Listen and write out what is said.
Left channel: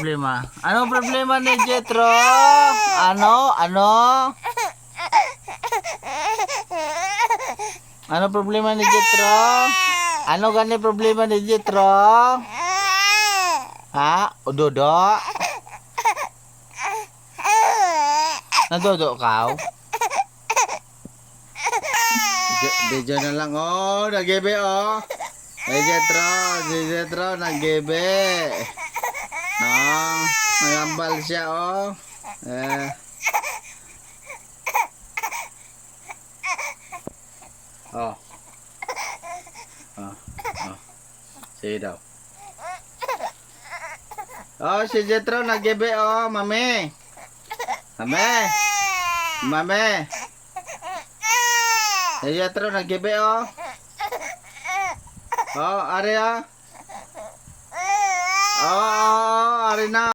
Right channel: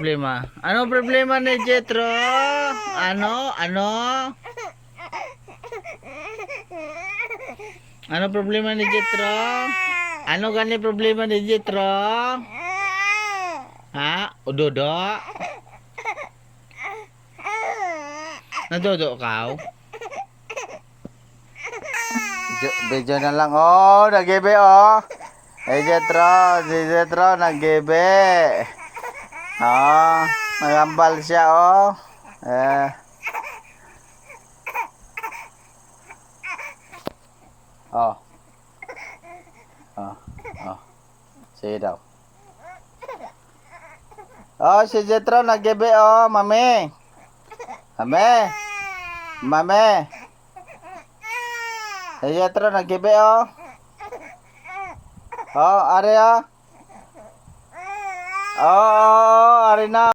Problema. Ano problema ni Jetro? Ano? Ano problema ni Jetro? Ano gani problema ni Jetro? Ha? Udodo? Nadodo ka? Video na lang. Oh, nagibe oh. Si Jetro nagibe. Oh, nagambal siya oh. Eh. Oh. Oh. Oh. Sige daw. Oh, si Jetro nagibe oh, mami. Mami. Si Jetro nagibe oh. Oh, ari oh. Oh, ari na.